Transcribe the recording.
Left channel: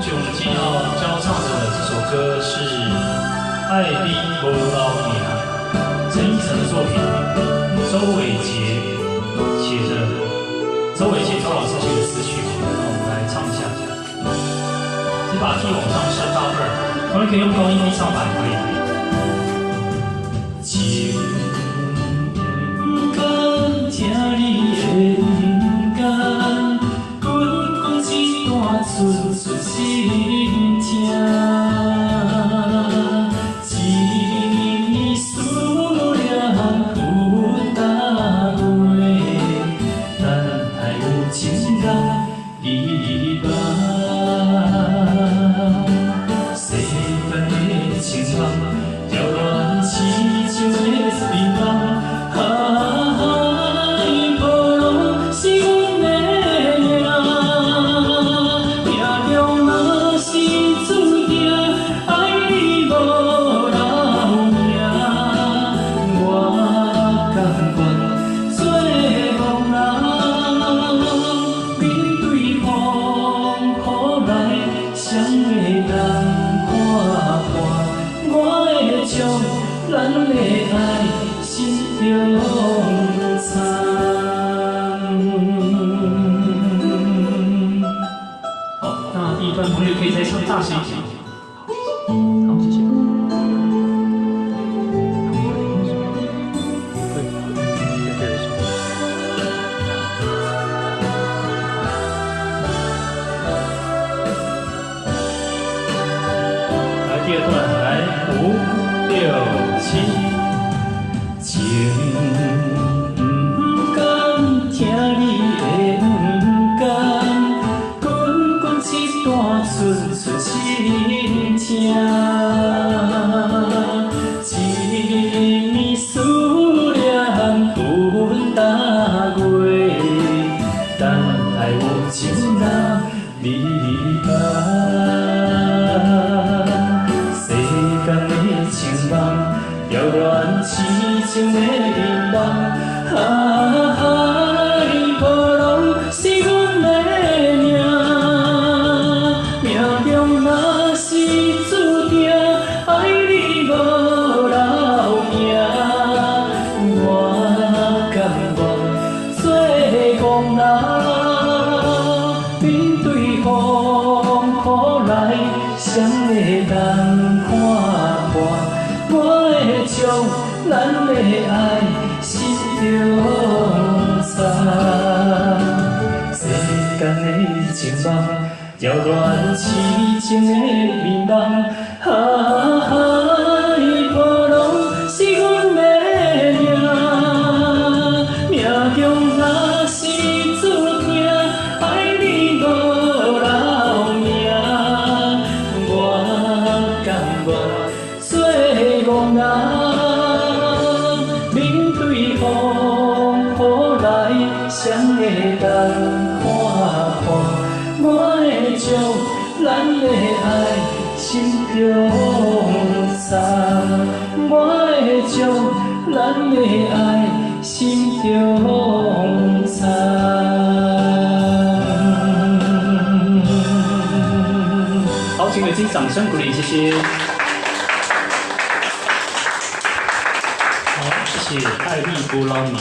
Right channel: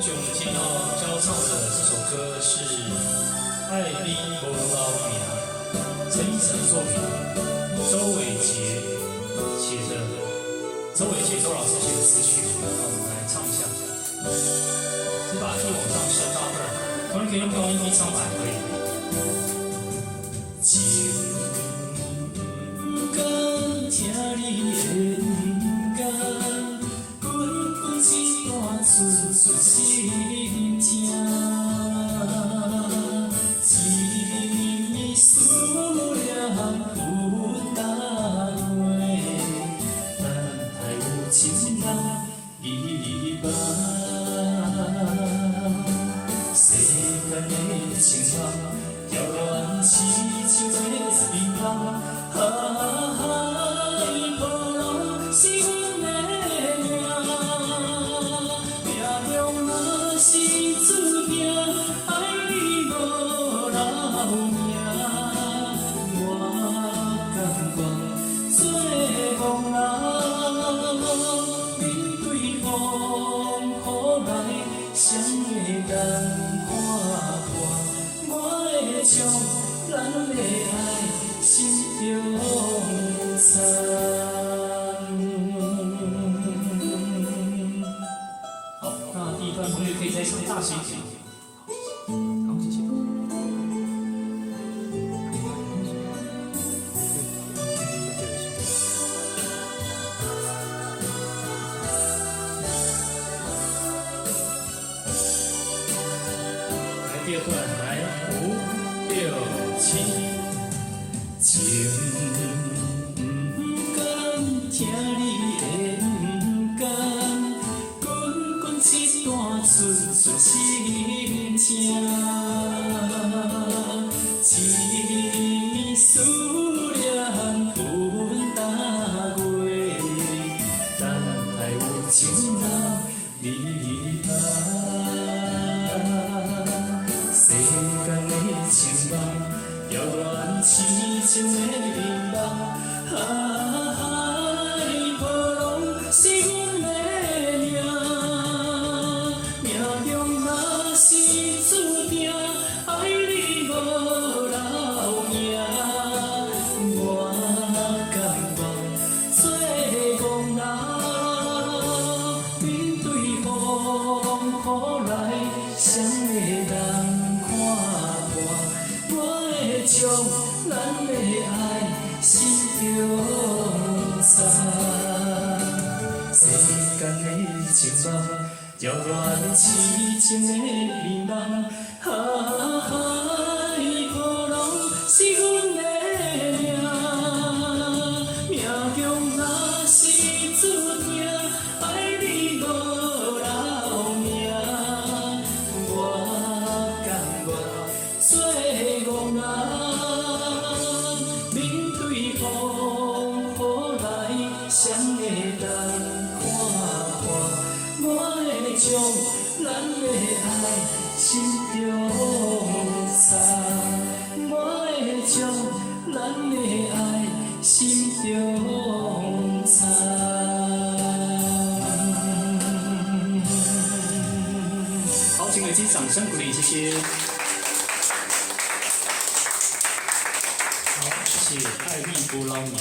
同学，我们今天要教唱的这首歌是《爱你无老命》，陈奕晨的作品，周伟杰写的，周伟杰周老师写的词曲，那我们来唱一下。先把 key 往上升到2，同学可以用高音低唱版可以。情不甘听你的不甘，滚滚一段寸寸心痛。一思念分大月，等待有情人离别。世间的情梦，遥远痴情的美梦。咱的爱心中藏。好，那第一段同学可以再唱大声一点。好，谢谢。来第二段，来5、6、7。情不甘听你的不甘，滚滚一段寸寸心痛。一思念分大月，等待有情人离别。世间的情梦，遥远痴情的美梦，爱无拢是阮的命，命中若是注定爱你无老命，我甘愿做憨人，面对风雨来，谁会当看破？我会将咱的爱心中藏。世间的情梦，遥远痴情的美梦，爱无拢是阮的命，命中若是注定爱你无老命，我甘愿做憨人，面对风雨来，谁会当看破？我会将咱的爱心中藏，我会将咱的爱心中藏。好，请给自己掌声鼓励，谢谢。好，谢谢爱丽波老娘。